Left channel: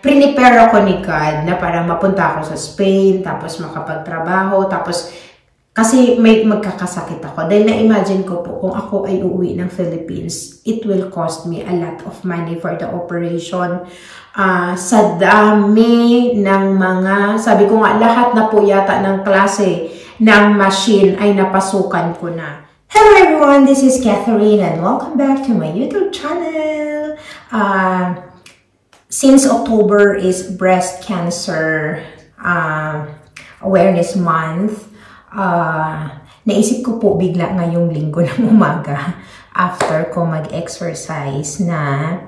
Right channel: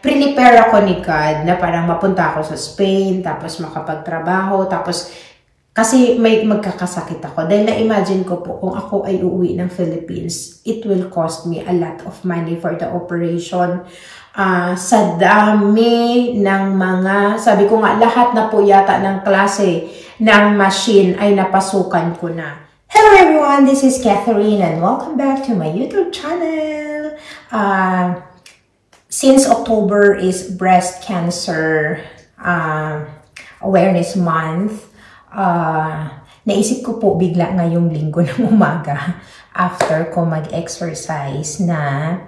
prepare ako ni God na parang mapunta ako sa Spain, tapos makapagtrabaho, tapos kasi may magkakasakit ako. Dahil na-imagine ko po, kung ako ay uuwi ng Philippines, it will cost me a lot of money for the operation. Sa dami ng mga, sabi ko nga, lahat na po yata ng klase ng machine ay napasukan ko na. Hello everyone, this is Catherine and welcome back to my YouTube channel. Since October is Breast Cancer Awareness Month, naisip ko po bigla ngayong linggo ng umaga after ko mag-exercise na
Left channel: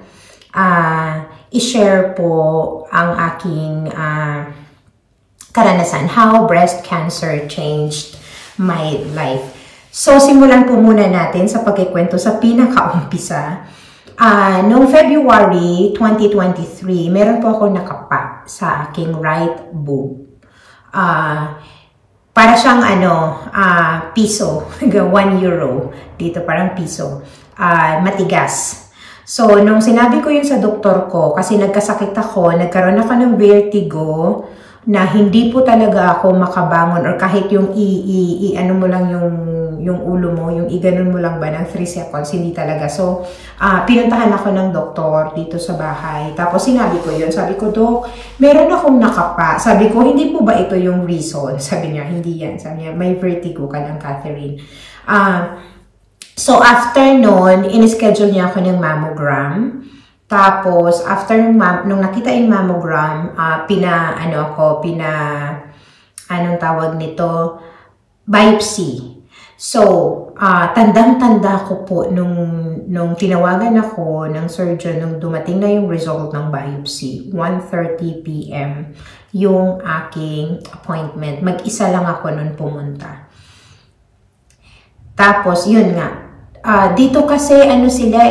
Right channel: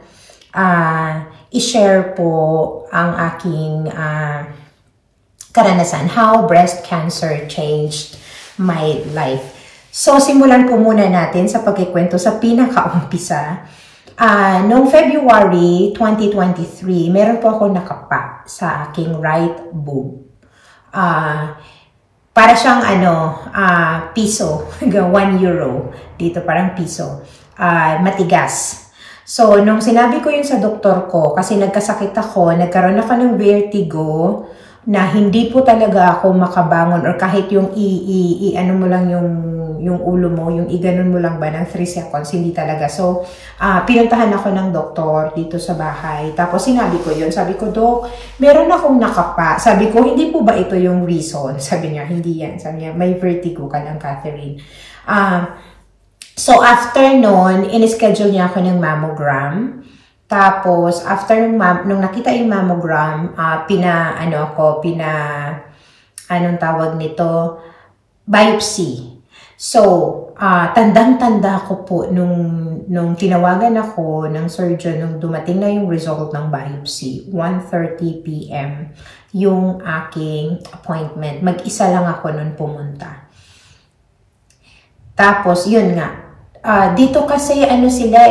i-share po ang aking karanasan, how breast cancer changed my life. So, simulan po muna natin sa pagkikwento sa pinakaumpisa. Noong February 2023, meron po ako nakapa sa aking right boob. Para siyang piso, 1 euro. Dito parang piso. Matigas. So, nung sinabi ko yun sa doktor ko, kasi nagkasakit ako, nagkaroon ako ng vertigo, na hindi po talaga ako makabangon or kahit yung ano mo lang yung ulo mo, yung iganon mo lang ba ng 3 seconds, hindi talaga. So, pinuntahan ako ng doktor dito sa bahay. Tapos sinabi ko yun. Sabi ko, Dok, meron akong nakapa. Sabi ko, hindi po ba ito yung reason? Sabi niya, hindi yan. Sabi niya, may vertigo ka lang, Catherine. So, after nun, in-schedule niya ako ng mammogram. Tapos, after nung nakita yung mammogram, anong tawag nito? Biopsy. So, tandang-tanda ko po nung tinawagan ako ng surgeon, nung dumating na yung result ng biopsy, 1:30 p.m. yung aking appointment. Mag-isa lang ako nun pumunta. Tapos, yun nga. Dito kasi sila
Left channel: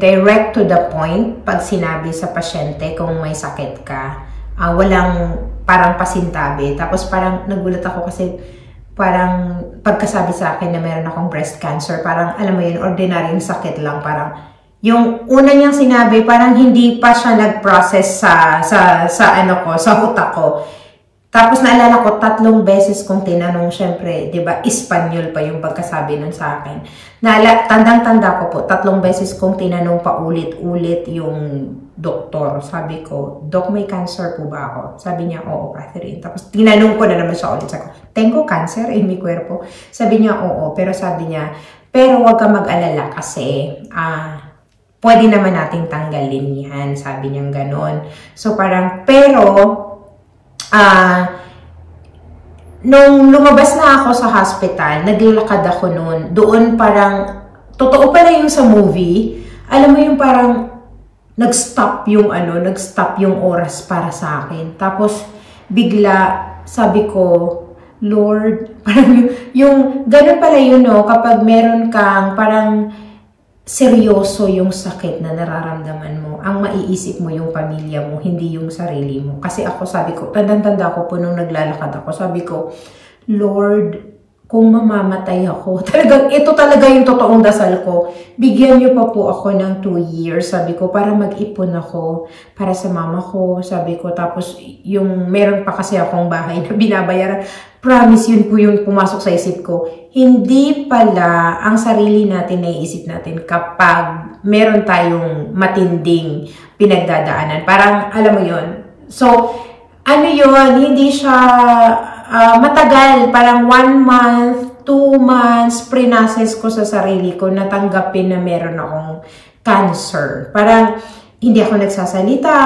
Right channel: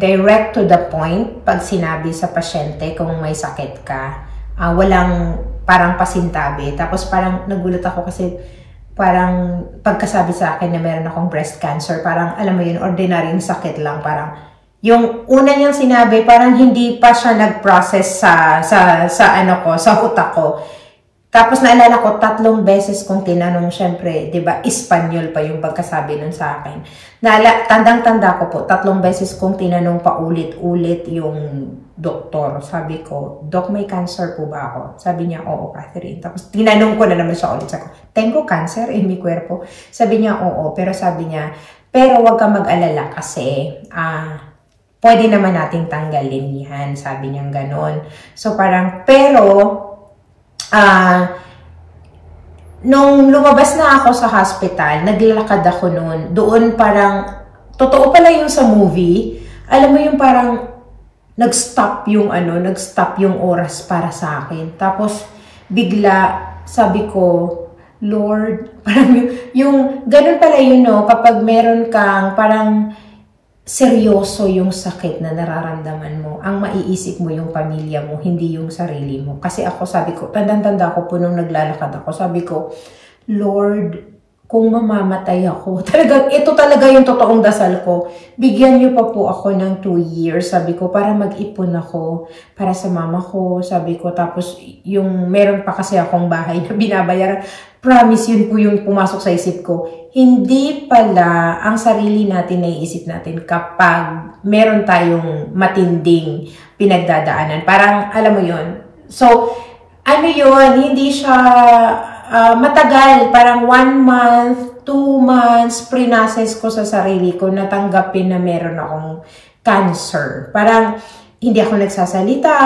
direct to the point pag sinabi sa pasyente kung may sakit ka. Walang parang pasintabi. Tapos parang nagulat ako kasi parang pagkasabi sa akin na meron akong breast cancer, parang alam mo yun, ordinaryong sakit lang. Parang yung una niyang sinabi, parang hindi pa siya nag-process sa utak ko. Tapos naalala ko, 3 beses kong tinanong, syempre, di ba, Espanyol pa yung pagkasabi nun sa akin. Tandang-tanda ko po, 3 beses kong tinanong pa ulit-ulit yung doktor. Sabi ko, Dok, may cancer po ba ako? Sabi niya, oo, Catherine. Tapos tinanong ko na naman siya ulit. Sabi ko, tengo cancer en mi cuerpo? Sabi niya, oo. Pero sabi niya, pero wag ka mag-alala kasi, pwede naman nating tanggalin yan. Sabi niya ganon. So parang, pero, nung lumabas na ako sa hospital, naglalakad ako noon. Doon parang, totoo pala yung sa movie, alam mo yung parang, nag-stop yung oras para sa akin. Tapos, bigla, sabi ko, Lord, parang yung ganun pala yun, no? Kapag meron kang parang, seryoso yung sakit na nararamdaman mo. Ang maiisip mo yung pamilya mo, hindi yung sarili mo. Kasi ako, sabi ko, tandang-tanda ko po nung naglalakad ako, sabi ko, Lord, kung mamamatay ako, talagang, ito talaga yung totoong dasal ko. Bigyan niyo pa po ako ng 2 years, sabi ko, para mag-ipon ako, para sa mama ko, sabi ko. Tapos, yung meron pa kasi akong bahay na binabayaran. Promise, yun po yung pumasok sa isip ko. Hindi pala ang sarili natin naiisip natin kapag meron tayong matinding pinagdadaanan. Parang, alam mo yun. So, yun, hindi siya matagal. Parang 1 month, 2 months, pre-process ko sa sarili ko, natanggapin na meron akong cancer. Parang, hindi ako nagsasalita.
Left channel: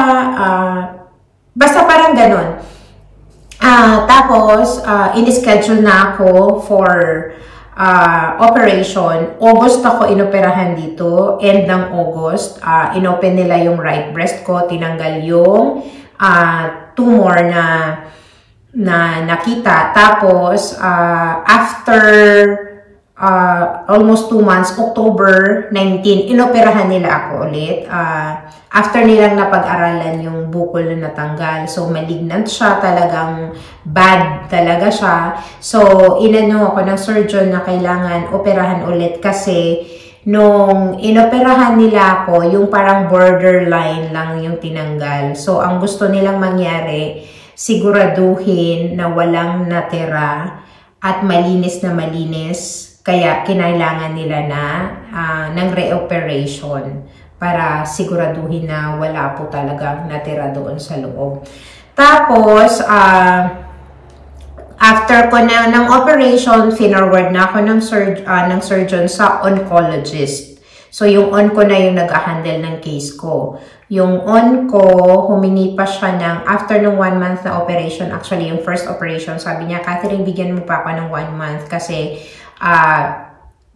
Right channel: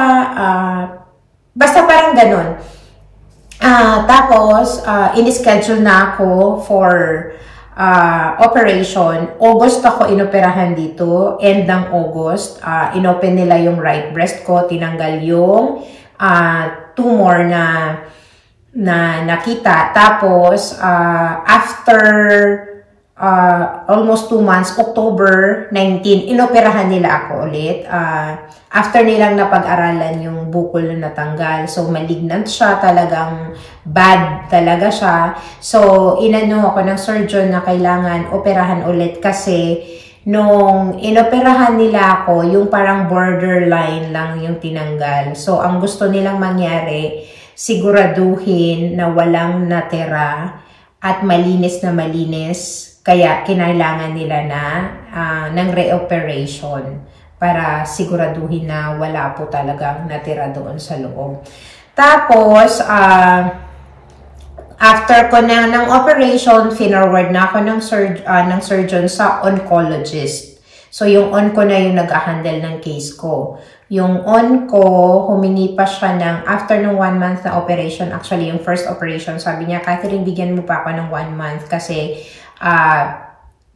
Basta parang ganon. Tapos, in-schedule na ako for operation. August ako inoperahan dito. End ng August. Inopen nila yung right breast ko. Tinanggal yung tumor na nakita. Tapos, after almost 2 months, October 19, inoperahan nila ako ulit. After nilang napag-aralan yung bukol na natanggal. So, malignant siya. Talagang bad talaga siya. So, inano ako ng surgeon na kailangan operahan ulit kasi nung inoperahan nila ako, yung parang borderline lang yung tinanggal. So, ang gusto nilang mangyari, siguraduhin na walang natira at malinis na malinis. Kaya, kinailangan nila na ng reoperation para siguraduhin na wala po talagang natira doon sa loob. Tapos, after ko ng operation, finorward na ako ng surgeon sa oncologist. So, yung on ko na yung nag-handle ng case ko. Yung on ko, humingi pa siya ng, after ng 1 month na operation, actually, yung first operation, sabi niya, Catherine, bigyan mo pa ako ng 1 month kasi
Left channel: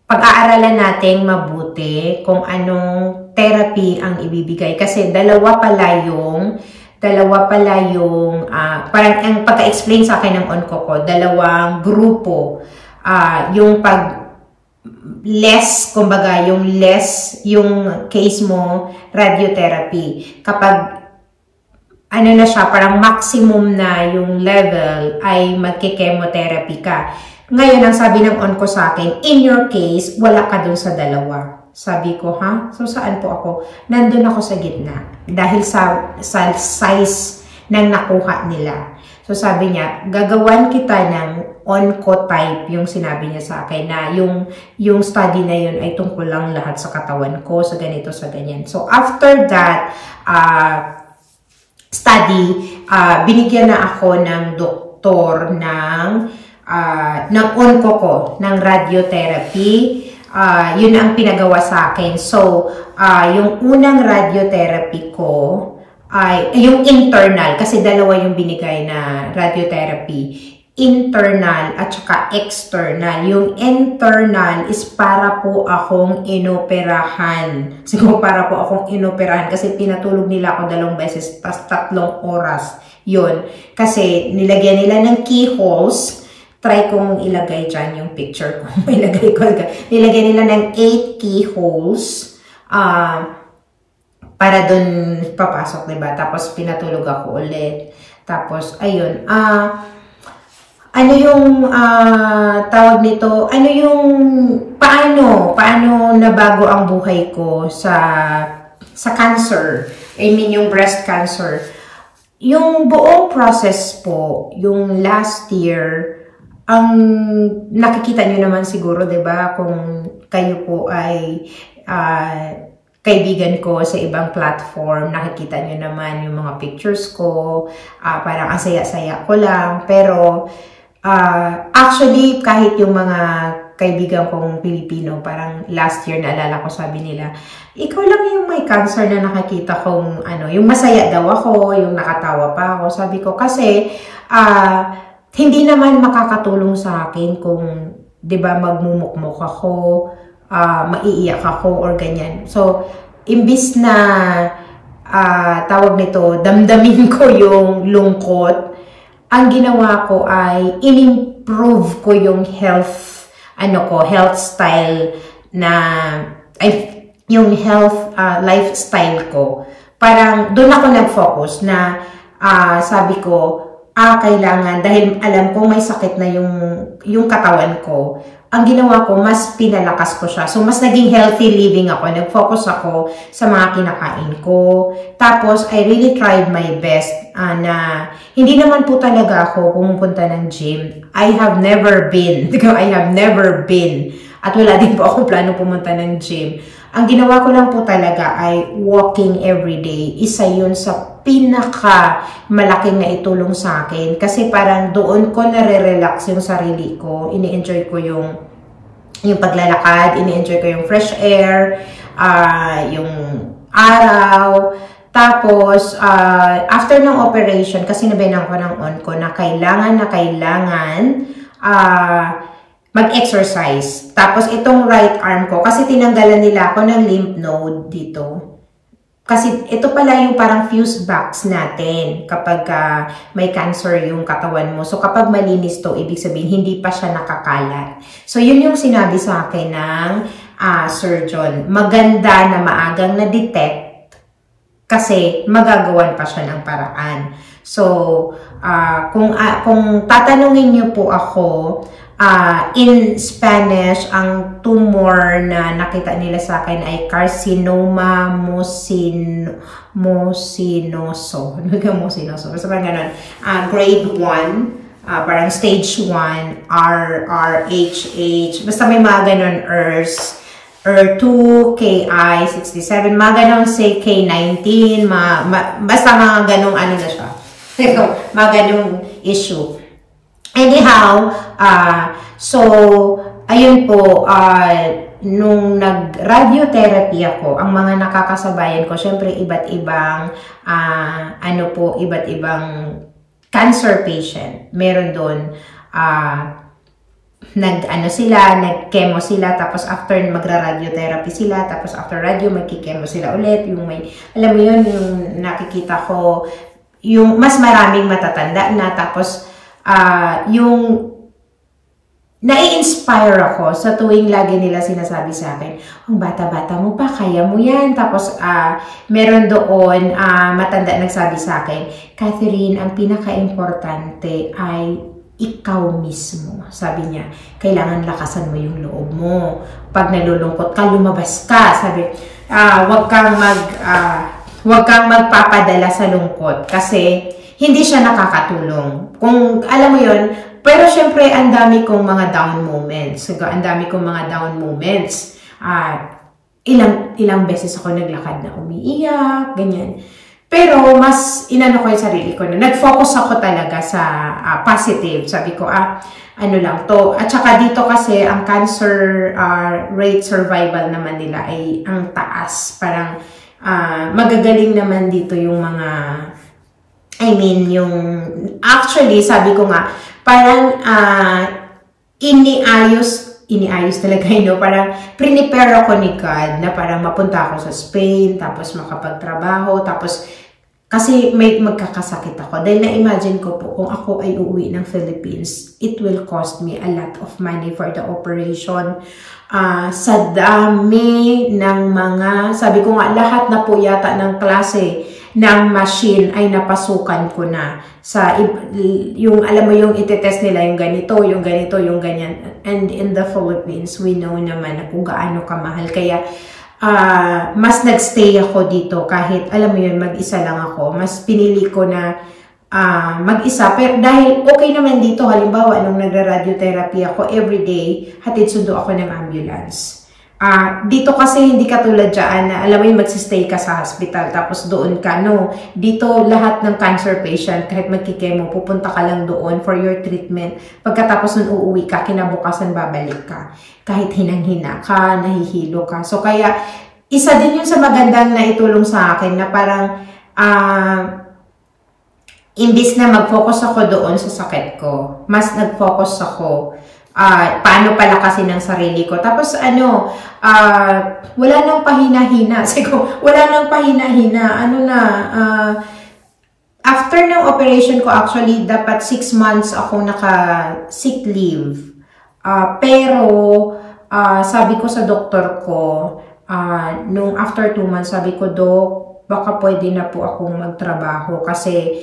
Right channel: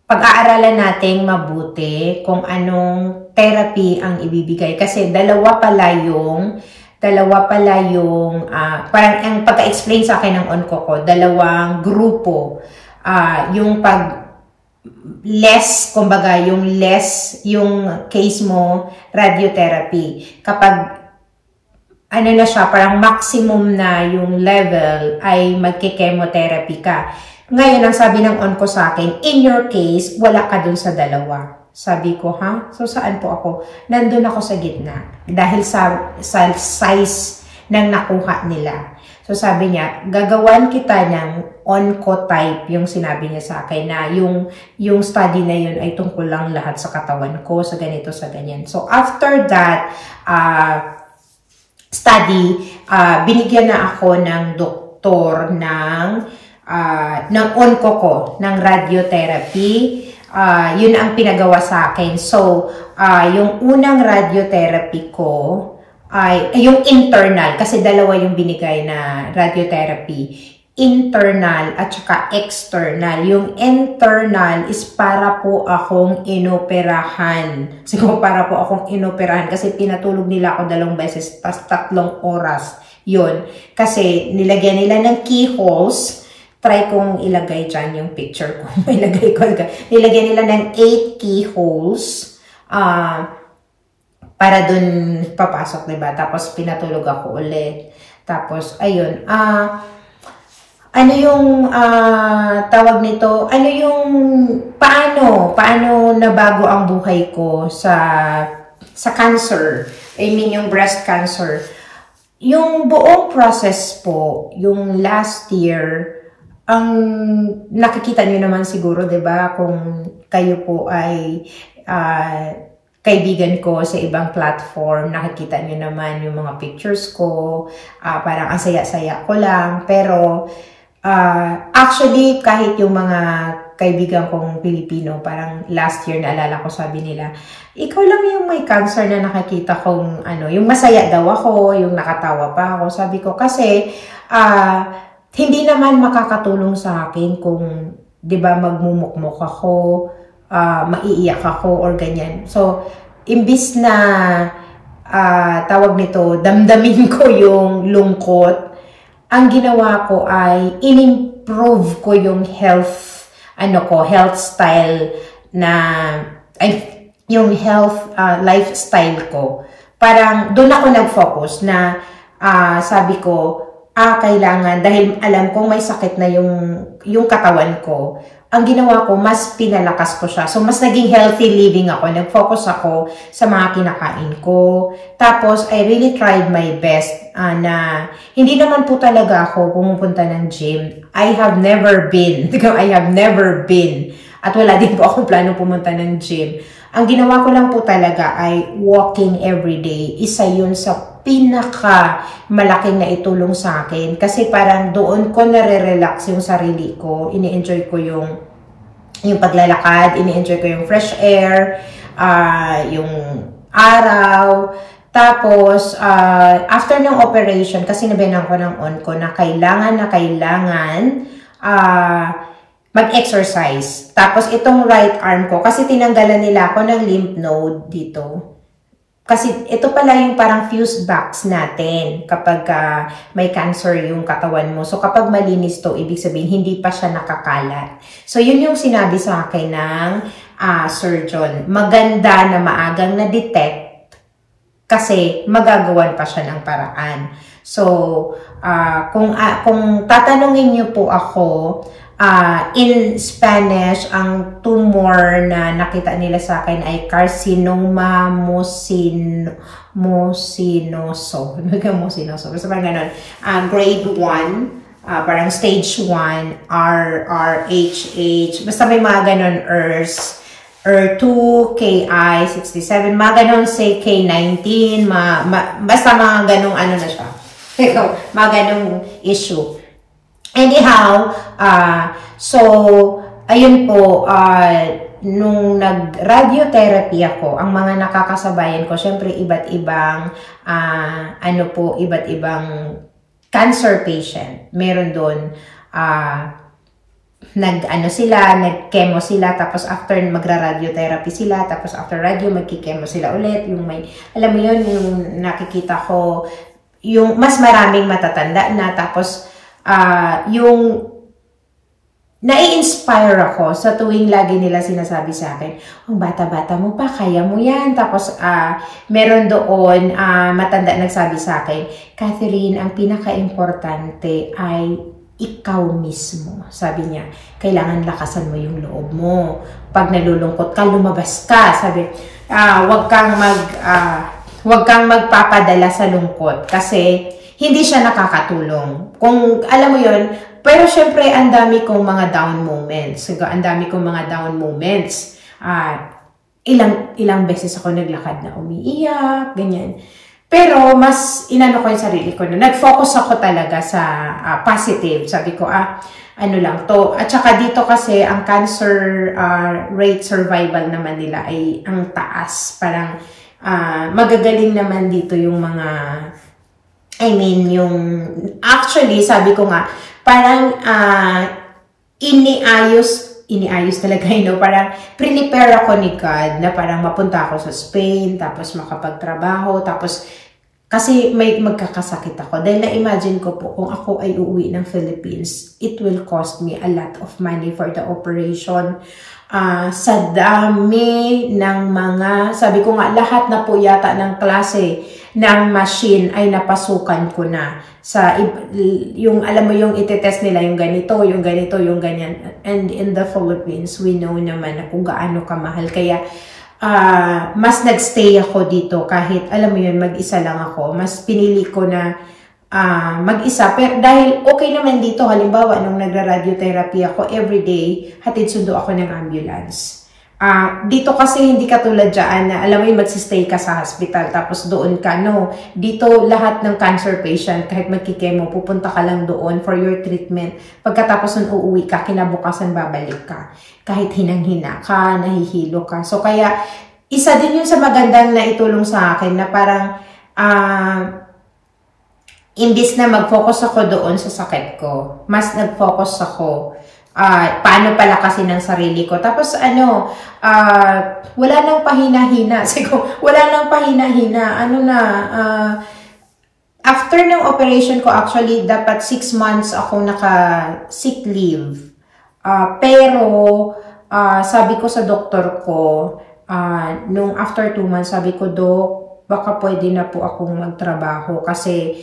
pag-aaralan natin mabuti kung anong therapy ang ibibigay. Kasi dalawa pala yung parang ang pagka-explain sa akin ng onco ko, dalawang grupo. Yung kumbaga, yung case mo, radiotherapy. Kapag, na siya, parang maximum na yung level, ay magki-chemotherapy ka. Ngayon, ang sabi ng onco sa akin, in your case, wala ka dun sa dalawa. Sabi ko, ha? So, saan po ako? Nandun ako sa gitna. Dahil sa size ng nakuha nila. So, sabi niya, gagawan kita ng oncotype, yung sinabi niya sa akin, na yung study na yun ay tungkol lang lahat sa katawan ko, sa ganito, sa ganyan. So, after that study, binigyan na ako ng doktor ng onco ko, ng radiotherapy. Yun ang pinagawa sa akin. So, yung unang radiotherapy ko ay yung internal, kasi dalawa yung binigay na radiotherapy. Internal at saka external. Yung internal is para po akong inoperahan. Siguro para po akong inoperahan kasi pinatulog nila ako 2 beses, tas 3 oras. Yun. Kasi nilagyan nila ng keyholes. Try kong ilagay dyan yung picture ko. Nilagay nila ng 8 keyholes para dun papasok, diba? Tapos pinatulog ako ulit. Tapos, ayun. Ano yung tawag nito? Ano yung paano nabago ang buhay ko sa cancer? I mean, yung breast cancer. Yung buong process po, yung last year, ang nakikita nyo naman siguro, 'di ba, kung kayo po ay kaibigan ko sa ibang platform, nakikita nyo naman yung mga pictures ko, parang ang saya-saya ko lang. Pero actually, kahit yung mga kaibigan kong Pilipino, parang last year naalala ko, sabi nila, ikaw lang yung may cancer na nakikita kong yung masaya daw ako, yung nakatawa pa ako. Sabi ko kasi hindi naman makakatulong sa akin kung, 'di ba, magmumukmok ako, maiiyak ako or ganyan. So, imbis na tawag nito, damdamin ko yung lungkot, ang ginawa ko ay in-improve ko yung health style na yung health lifestyle ko. Parang doon ako nag-focus na sabi ko, kailangan, dahil alam kong may sakit na yung katawan ko, ang ginawa ko, mas pinalakas ko siya. So, mas naging healthy living ako. Nag-focus ako sa mga kinakain ko. Tapos, I really tried my best na hindi naman po talaga ako pumupunta ng gym. I have never been. At wala din po ako plano pumunta ng gym. Ang ginawa ko lang po talaga ay walking every day. Isa yun sa pinaka malaking na itulong sa akin. Kasi parang doon ko nare-relax yung sarili ko. Ini-enjoy ko yung paglalakad. Ini-enjoy ko yung fresh air. Yung araw. Tapos, after ng operation, kasi nabinan ko ng onco na kailangan mag-exercise. Tapos, itong right arm ko, kasi tinanggalan nila ako ng lymph node dito. Kasi ito pala yung parang fuse box natin kapag may cancer yung katawan mo. So, kapag malinis to, ibig sabihin, hindi pa siya nakakalat. So, yun yung sinabi sa akin ng surgeon. Maganda na maagang na-detect kasi magagawan pa siya ng paraan. So, kung tatanungin niyo po ako, In Spanish, ang tumor na nakita nila sa akin ay carcinoma mucinoso. Basta parang ganun. Grade 1, parang stage 1, RRHH. Basta may mga ganun, ER2, KI, 67, mga ganun, say K19, basta mga ganung ano na siya. Mga ganung issue. Anyhow, so, ayun po, nung nag-radiotherapy ako, ang mga nakakasabayan ko, syempre iba't ibang, iba't ibang cancer patient. Meron doon, nag-chemo sila, tapos after magra-radiotherapy sila, tapos after radio, magki-chemo sila ulit. Yung may, alam mo yun, yung nakikita ko, yung mas maraming matatanda na, tapos, yung nai-inspire ako sa tuwing lagi nila sinasabi sa akin, ang bata-bata mo pa, kaya mo yan. Tapos, meron doon, matanda nagsabi sa akin, Catherine, ang pinaka-importante ay ikaw mismo. Sabi niya, kailangan lakasan mo yung loob mo. Pag nalulungkot ka, lumabas ka. Sabi, wag kang magpapadala sa lungkot kasi hindi siya nakakatulong. Kung alam mo yon, pero syempre ang dami kong mga down moments. Ilang beses ako naglakad na umiiyak, ganyan. Pero mas inano ko yung sarili ko na nag-focus ako talaga sa positive. Sabi ko, ano lang to. At saka dito kasi ang cancer rate survival naman nila ay ang taas. Parang magagaling naman dito yung mga actually, sabi ko nga, parang iniayos talaga, parang prepare ako ni God na parang mapunta ako sa Spain, tapos makapagtrabaho, tapos kasi may magkakasakit ako. Dahil na-imagine ko po, kung ako ay uuwi ng Philippines, it will cost me a lot of money for the operation. Sa dami ng mga, sabi ko nga, lahat na po yata ng klase ng machine ay napasukan ko na. Yung alam mo yung itetest nila, yung ganito, yung ganyan. And in the Philippines, we know naman na kung gaano kamahal. Kaya, mas nagstay ako dito kahit, alam mo yun, mag-isa lang ako. Mas pinili ko na mag-isa. Pero dahil okay naman dito, halimbawa, nung nagra-radiotherapy ako, everyday, hatid sundo ako ng ambulance. Dito kasi hindi katulad dyan na alam mo yung magsistay ka sa hospital tapos doon ka. No, dito lahat ng cancer patient kahit magkikemo pupunta ka lang doon for your treatment. Pagkatapos nun uuwi ka, kinabukasan babalik ka. Kahit hinang-hina ka, nahihilo ka. So kaya isa din yun sa magandang na itulong sa akin na parang imbis na mag-focus ako doon sa sakit ko, mas nag-focus ako paano palakasin ng sarili ko. Tapos wala nang pahina-hina. Wala nang pahina-hina. After ng operation ko, actually, dapat 6 months ako naka-sick leave. Pero, sabi ko sa doktor ko, nung after 2 months, sabi ko, Dok, baka pwede na po akong magtrabaho kasi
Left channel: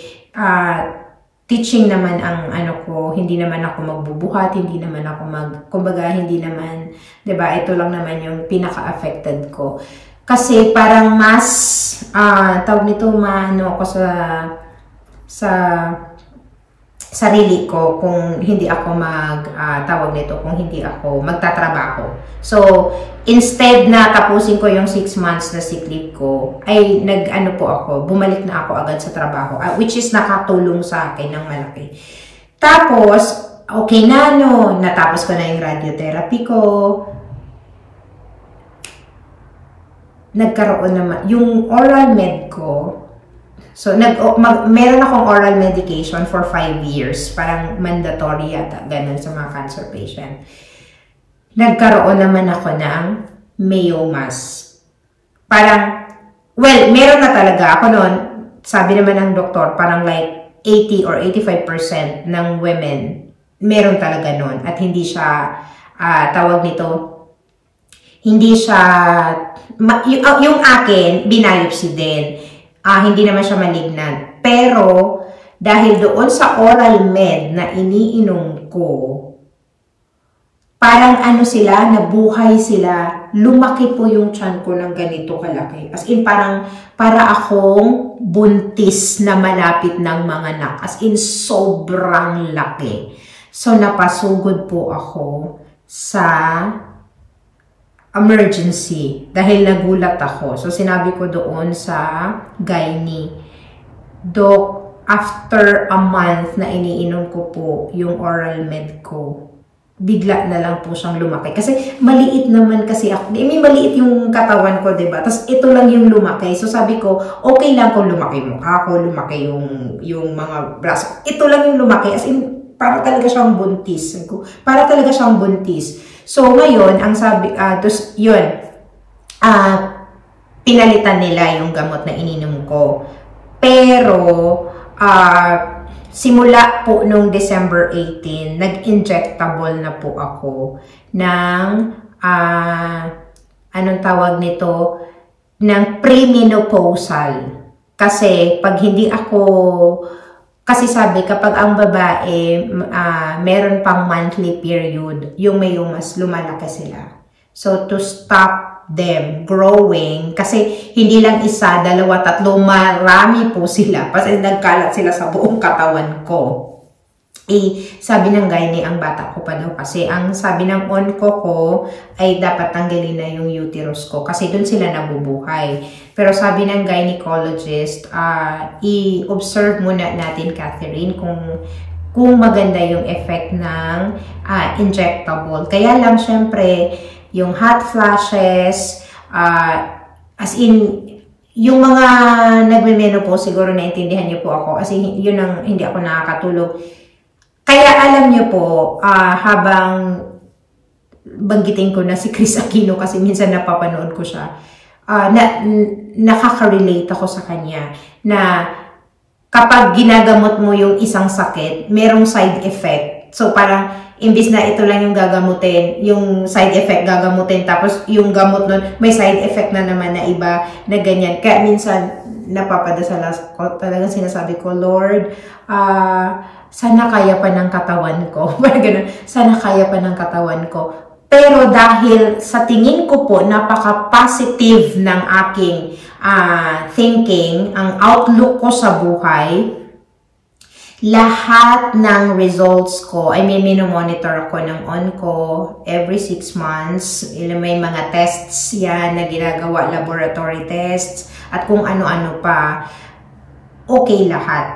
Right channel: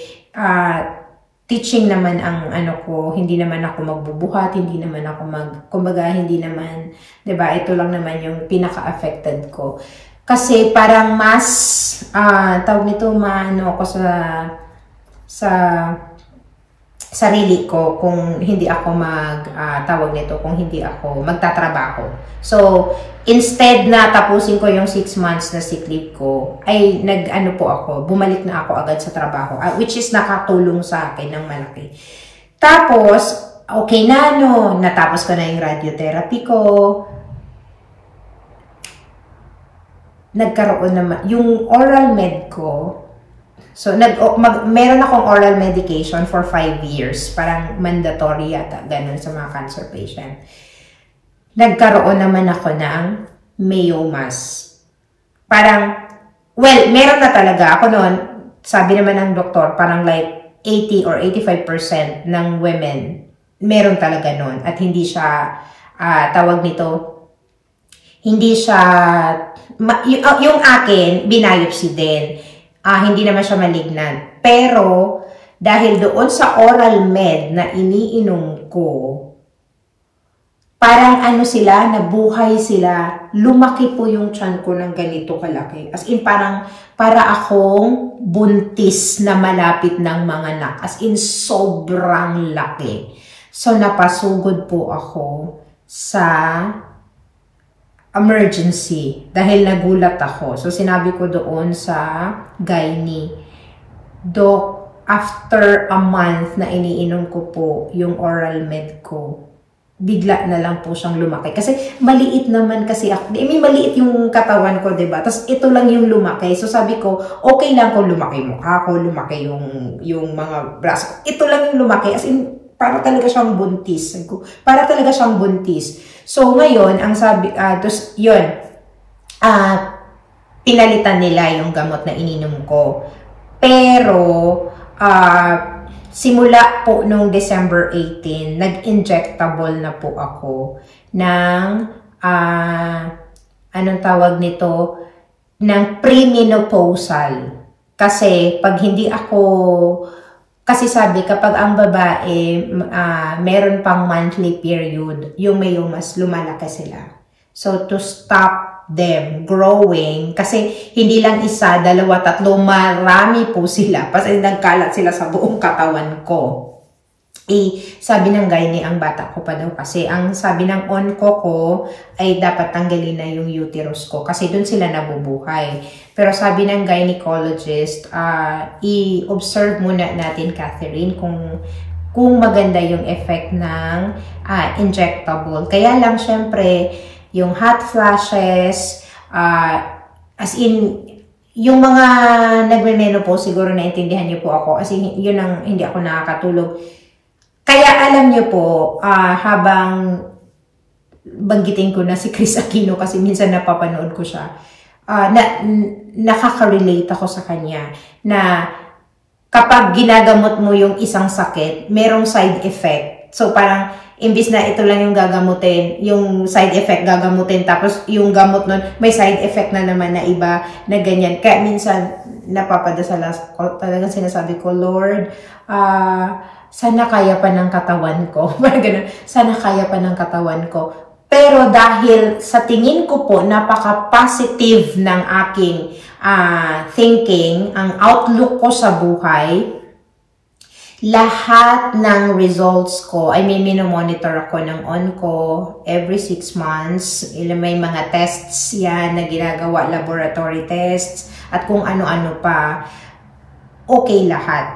teaching naman ang ko, hindi naman ako magbubuhat, hindi naman ako kumbaga, hindi naman, 'di ba? Ito lang naman yung pinaka-affected ko. Kasi parang mas tawag nito, ako sa sarili ko kung hindi ako kung hindi ako magtatrabaho. So, instead na tapusin ko yung 6 months na sick leave ko, ay bumalik na ako agad sa trabaho, which is nakatulong sa akin ng malaki. Tapos, okay na natapos ko na yung radiotherapy ko. Nagkaroon naman, yung oral med ko, so, meron akong oral medication for 5 years. Parang mandatory yata, ganun sa mga cancer patient. Nagkaroon naman ako ng meiomas. Parang, meron na talaga ako noon. Sabi naman ng doktor, parang like 80 or 85% ng women, meron talaga noon. At hindi siya, hindi siya, yung akin, binayopsy din. Hindi naman siya malignant. Pero, dahil doon sa oral med na iniinom ko, parang ano sila, nabuhay sila, lumaki po yung tiyan ko ng ganito kalaki. As in, parang, para akong buntis na malapit ng mga anak. As in, sobrang laki. So, napasugod po ako sa emergency dahil nagulat ako. So, sinabi ko doon sa gynae, Doc, after a month na iniinom ko po yung oral med ko, bigla na lang po siyang lumaki. Kasi maliit naman kasi ako. May maliit yung katawan ko, diba? Tapos ito lang yung lumaki. So sabi ko, okay lang kung lumaki mukha ko, lumaki yung mga braso ko. Ito lang yung lumaki. As in, para talaga siyang buntis. Para talaga siyang buntis. So ngayon, ang sabi, tapos yun, pinalitan nila yung gamot na ininom ko. Pero, simula po nung December 18, nag-injectable na po ako ng, anong tawag nito, ng premenopausal. Kasi pag hindi ako, kasi sabi kapag ang babae, meron pang monthly period, yung may mas lumalaki sila. So to stop them growing, kasi hindi lang isa, dalawa, tatlo, marami po sila kasi nagkalat sila sa buong katawan ko. Sabi ng gynae, ang bata ko pa daw kasi ang sabi ng onco ko ay dapat tanggalin na yung uterus ko kasi doon sila nabubuhay. Pero sabi ng gynecologist, i-observe muna natin, Catherine, kung maganda yung effect ng injectable. Kaya lang syempre yung hot flashes, as in, yung mga nagme-menopause, siguro naintindihan niyo po ako, kasi yun ang hindi ako nakakatulog. Kaya alam niyo po, habang banggitin ko na si Chris Aquino, kasi minsan napapanood ko siya, nakaka-relate ako sa kanya, na kapag ginagamot mo yung isang sakit, merong side effect. So parang, imbis na ito lang yung gagamutin, yung side effect gagamutin, tapos yung gamot nun, may side effect na naman na iba na ganyan. Kaya minsan, napapadasal ako, talagang sinasabi ko, Lord, sana kaya pa ng katawan ko. Ganun, sana kaya pa ng katawan ko. Pero dahil sa tingin ko po, napaka-positive ng aking thinking, ang outlook ko sa buhay, lahat ng results ko, minomonitor ako ng onco every 6 months. May mga tests yan na ginagawa, laboratory tests, at kung ano-ano pa. Okay lahat.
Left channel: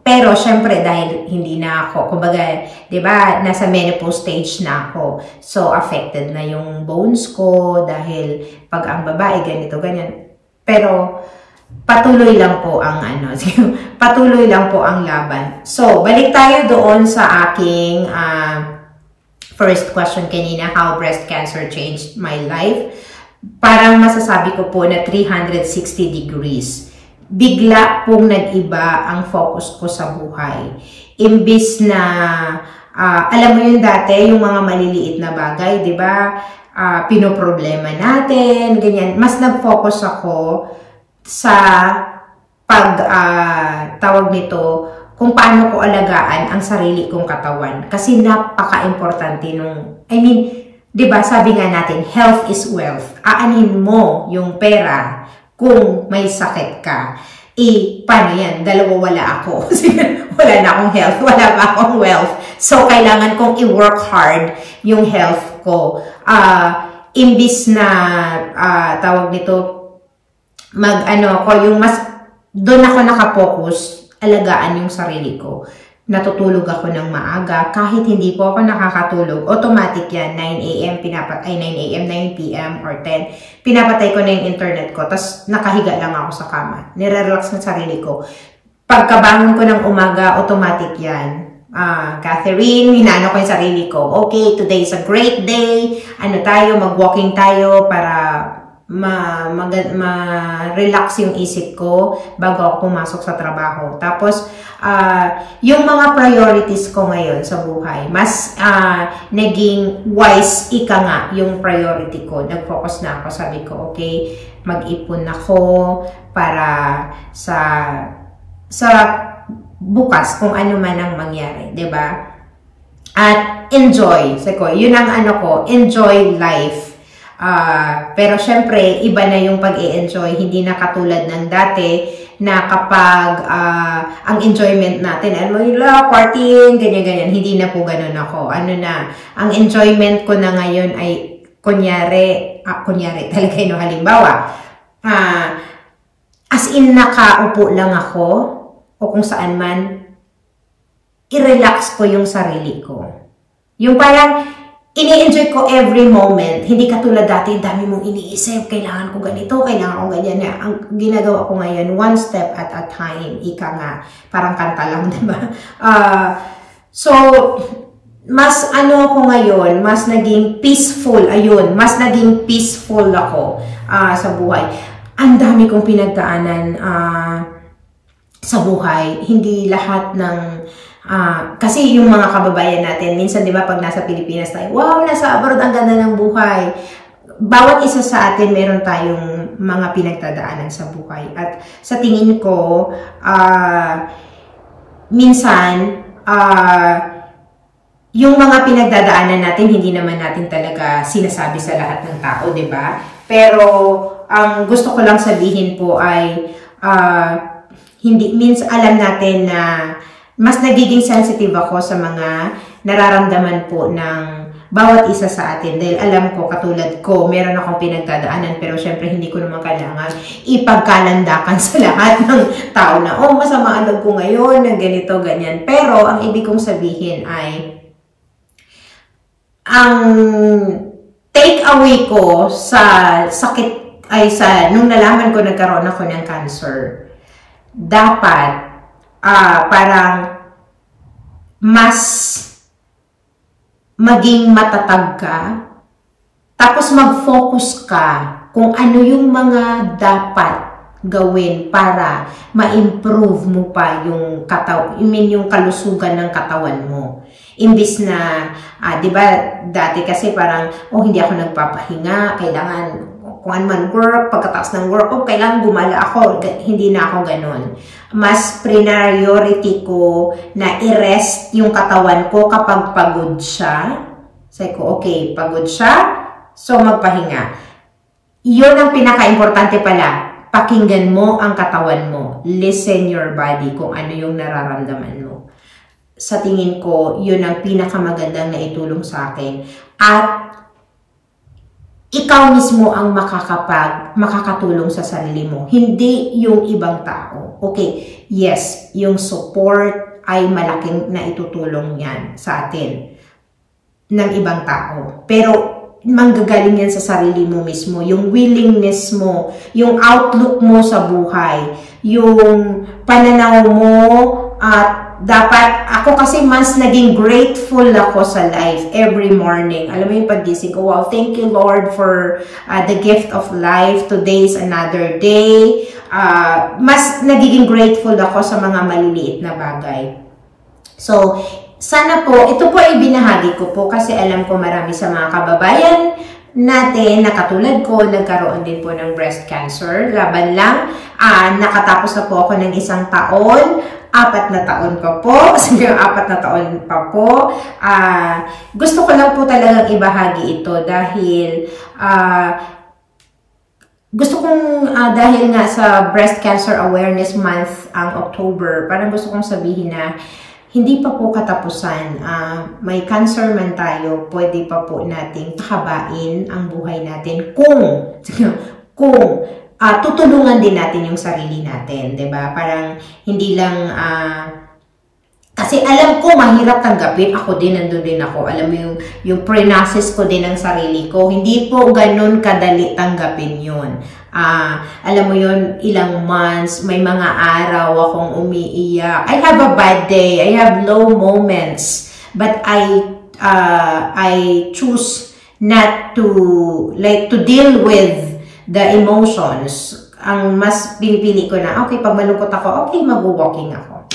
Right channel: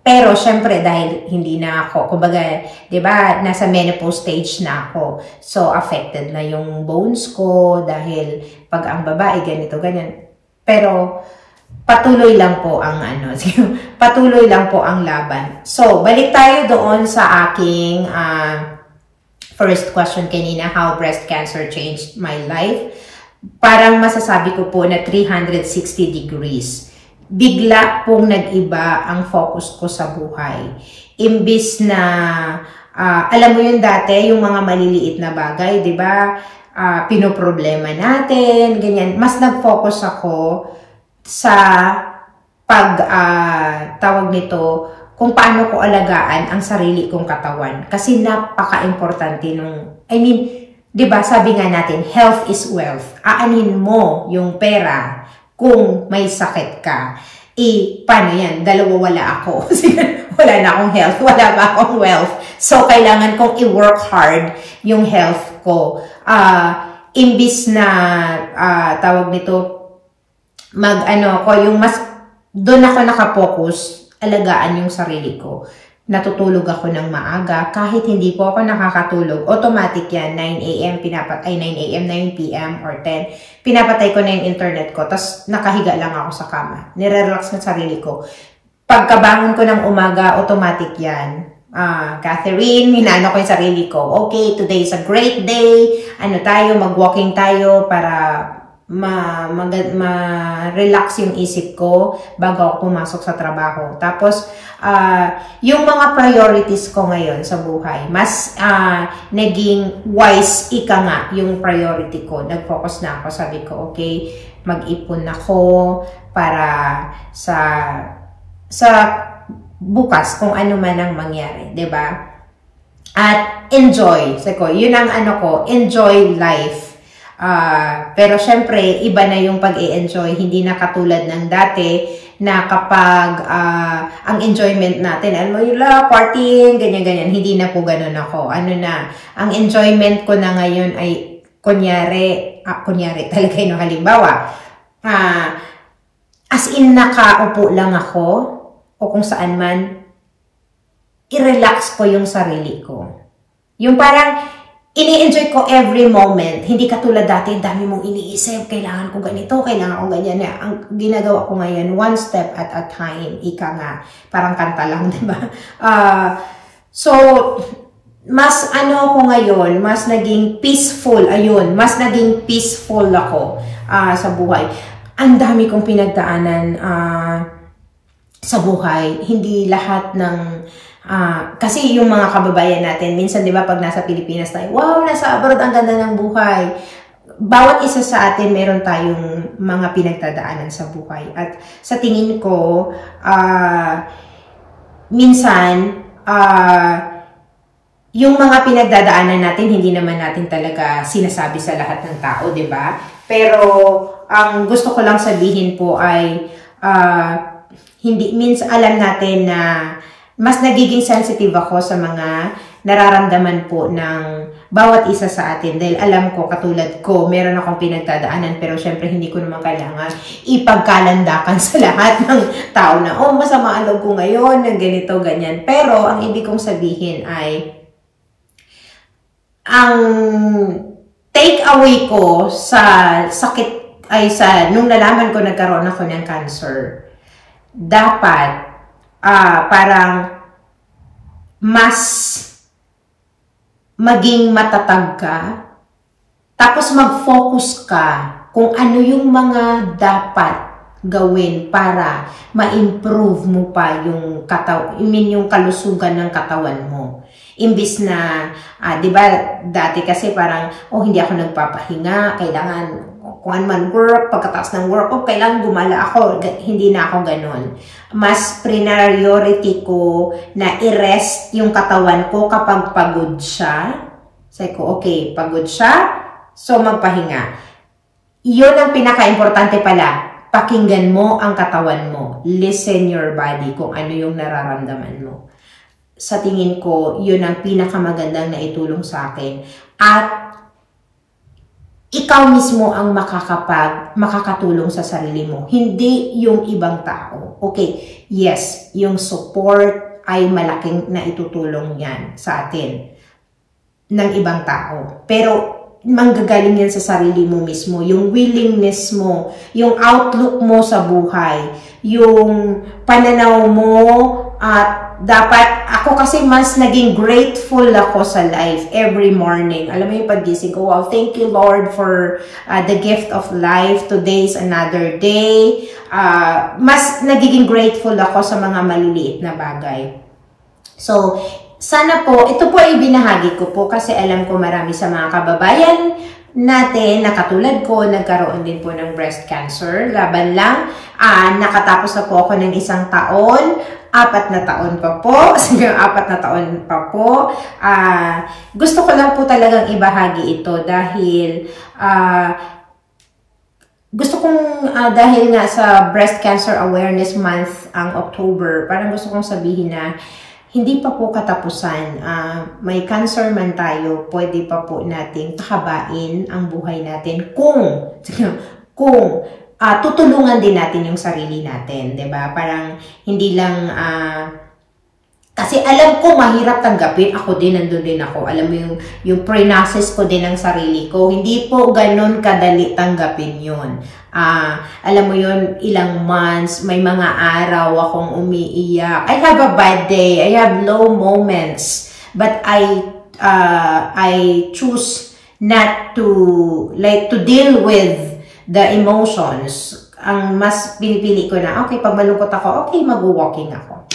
Pero syempre dahil hindi na ako, kumbaga, 'di ba, nasa menopause stage na ako. So affected na yung bones ko dahil pag ang babae ganito ganyan. Pero patuloy lang po ang patuloy lang po ang laban. So, balik tayo doon sa aking first question kanina, how breast cancer changed my life. Parang masasabi ko po na 360 degrees. Bigla pong nag-iba ang focus ko sa buhay. Imbis na, alam mo yun dati, yung mga maliliit na bagay, di ba? Pinoproblema natin, ganyan. Mas nag-focus ako sa tawag nito, kung paano ko alagaan ang sarili kong katawan. Kasi napaka-importante nung, di ba, sabi nga natin, health is wealth. Aanin mo yung pera kung may sakit ka. Paano yan? Dalawa wala ako. Wala na akong health, wala pa akong wealth. So, kailangan kong i-work hard yung health ko. Imbis na, tawag nito, yung mas, doon ako nakapokus, alagaan yung sarili ko. Natutulog ako ng maaga, kahit hindi po ako nakakatulog, automatic yan, 9 AM, 9 PM or 10, pinapatay ko na yung internet ko, tas nakahiga lang ako sa kama, nire-relax na sarili ko. Pagkabangon ko ng umaga, automatic yan. Catherine, hinano ko yung sarili ko, okay, today is a great day, mag-walking tayo para ma-relax yung isip ko bago ako pumasok sa trabaho. Tapos, yung mga priorities ko ngayon sa buhay, mas naging wise nga yung priority ko. Nag-focus na ako. Sabi ko, okay, mag-ipon ako para sa bukas kung ano man ang mangyari, 'di ba? At enjoy. So, yun ang ano ko, enjoy life. Pero syempre, iba na yung pag-i-enjoy. Hindi na katulad ng dati na kapag ang enjoyment natin, alam mo yun, partying, ganyan-ganyan. Hindi na po ganun ako. Ano na, ang enjoyment ko na ngayon ay kunyari talaga yun, halimbawa, as in nakaupo lang ako, o kung saan man, i-relax ko yung sarili ko. Yung parang, ini-enjoy ko every moment. Hindi katulad dati, dami mong iniisip, kailangan ko ganito, kailangan ko ganyan. Ang ginagawa ko ngayon, one step at a time. Ika nga, parang kanta lang, diba? So, mas ano ako ngayon, mas naging peaceful, ayun, mas naging peaceful ako sa buhay. Ang dami kong pinagdaanan sa buhay. Hindi lahat ng kasi yung mga kababayan natin, minsan di ba pag nasa Pilipinas tayo, wow, nasa abroad, ang ganda ng buhay. Bawat isa sa atin, meron tayong mga pinagdadaanan sa buhay. At sa tingin ko, minsan, yung mga pinagdadaanan natin, hindi naman natin talaga sinasabi sa lahat ng tao, di ba? Pero, ang gusto ko lang sabihin po ay, alam natin na mas nagiging sensitive ako sa mga nararamdaman po ng bawat isa sa atin. Dahil alam ko, katulad ko, meron akong pinagdadaanan, pero syempre hindi ko naman kailangan ipagkalandakan sa lahat ng tao na, oh, masama ang loob ko ngayon, ng ganito, ganyan. Pero, ang ibig kong sabihin ay, ang take away ko sa sakit, nung nalaman ko nagkaroon ako ng cancer, dapat, parang mas maging matatag ka, tapos mag-focus ka kung ano yung mga dapat gawin para ma-improve mo pa yung yung kalusugan ng katawan mo. Imbis na, di ba, dati kasi parang, oh, hindi ako nagpapahinga, kailangan kung ano man work, pagkatapos ng work, oh, kailangan gumala ako. Hindi na ako ganun. Mas priority ko na i-rest yung katawan ko kapag pagod siya. Sabi ko, okay, pagod siya, so magpahinga. Yun ang pinaka-importante pala. Pakinggan mo ang katawan mo. Listen your body kung ano yung nararamdaman mo. Sa tingin ko, yun ang pinakamagandang na itulong sa akin. At ikaw mismo ang makakatulong sa sarili mo. Hindi yung ibang tao. Okay, yes, yung support ay malaking na itutulong yan sa atin ng ibang tao. Pero manggagaling yan sa sarili mo mismo. Yung willingness mo, yung outlook mo sa buhay, yung pananaw mo at dapat, ako kasi mas naging grateful ako sa life every morning. Alam mo yung paggising ko, wow, thank you Lord for the gift of life. Today is another day. Mas nagiging grateful ako sa mga maliliit na bagay. So, sana po, ito po ay binahagi ko po kasi alam ko marami sa mga kababayan natin na katulad ko, nagkaroon din po ng breast cancer. Laban lang, nakatapos na po ako ng 1 taon. 4 na taon pa po. 4 na taon pa po. Gusto ko lang po talagang ibahagi ito dahil gusto kong, dahil nga sa Breast Cancer Awareness Month ang October, parang gusto kong sabihin na hindi pa po katapusan. May cancer man tayo, pwede pa po nating takabain ang buhay natin kung tutulungan din natin yung sarili natin, 'di ba? Parang hindi lang kasi alam ko mahirap tanggapin, ako din nandun din ako. Alam mo yung pre-process ko din ng sarili ko, hindi po ganoon kadali tanggapin 'yon. Alam mo yon, ilang months, may mga araw akong umiiyak. I have a bad day, I have low moments, but I choose not to deal with the emotions. Ang mas pinipili ko na, okay, pag malungkot ako, okay, mag-walking ako.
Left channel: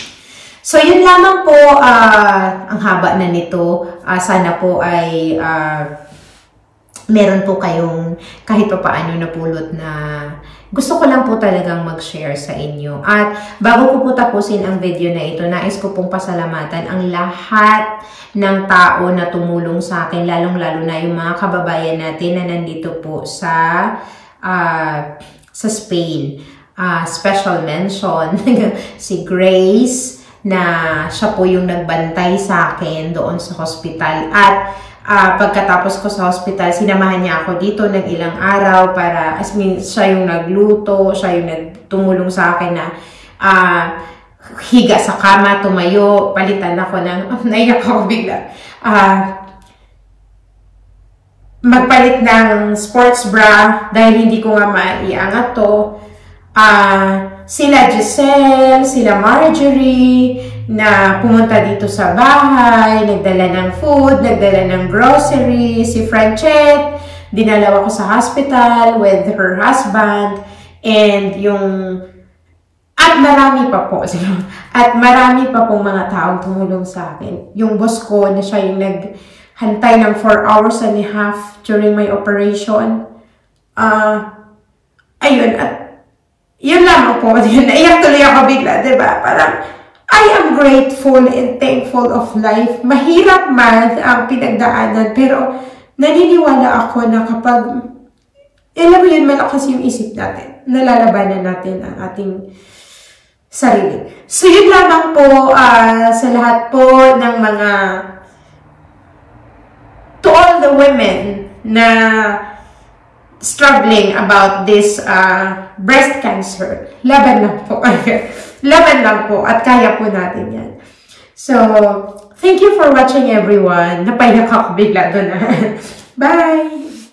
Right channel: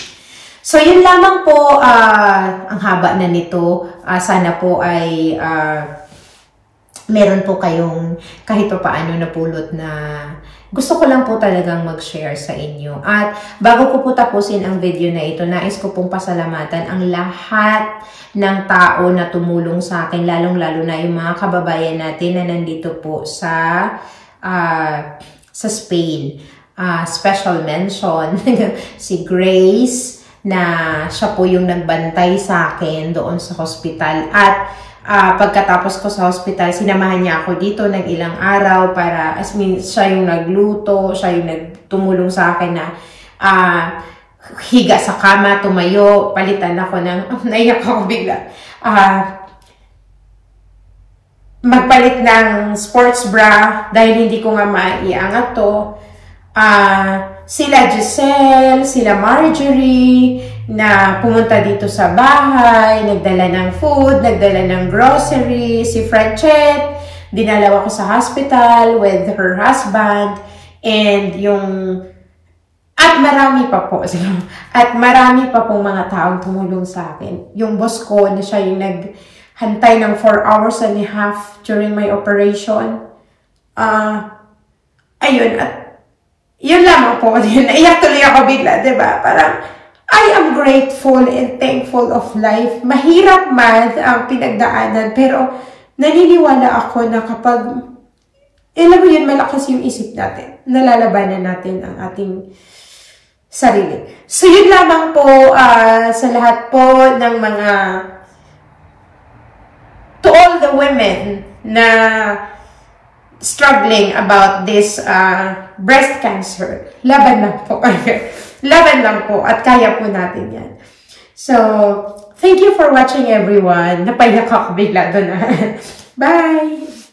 So, yun lamang po, ang haba na nito. Sana po ay meron po kayong kahit pa paano napulot na gusto ko lang po talagang mag-share sa inyo. At bago ko po tapusin ang video na ito, nais ko pong pasalamatan ang lahat ng tao na tumulong sa akin, lalong-lalo na yung mga kababayan natin na nandito po sa Spain. Special mention, si Grace, na siya po yung nagbantay sa akin doon sa hospital. At pagkatapos ko sa hospital, sinamahan niya ako dito ng ilang araw para, siya yung nagluto, siya yung nagtumulong sa akin na higa sa kama, tumayo, palitan ako ng, naiyak ako bigla, magpalit ng sports bra dahil hindi ko nga maiangat to. Sila Giselle, sila Marjorie, na pumunta dito sa bahay, nagdala ng food, nagdala ng grocery, si Franchette, dinala ako sa hospital with her husband, and at marami pa po, at marami pa pong mga taong tumulong sa akin. Yung boss ko, na siya yung naghantay ng 4 hours and a half during my operation. Ayun, at yun lang po, naiyak tuloy ako bigla, diba? Parang, I am grateful and thankful of life. Mahirap man ang pinagdaanan, pero naniniwala ako na kapag, alam mo yun, malakas yung isip natin, nalalabanan natin ang ating sarili. So, yun lamang po sa lahat po ng mga, to all the women na struggling about this breast cancer. Laban lang po. Laban lang po. At kaya po natin yan. So, thank you for watching everyone. Napaiyak ako bigla doon. Bye!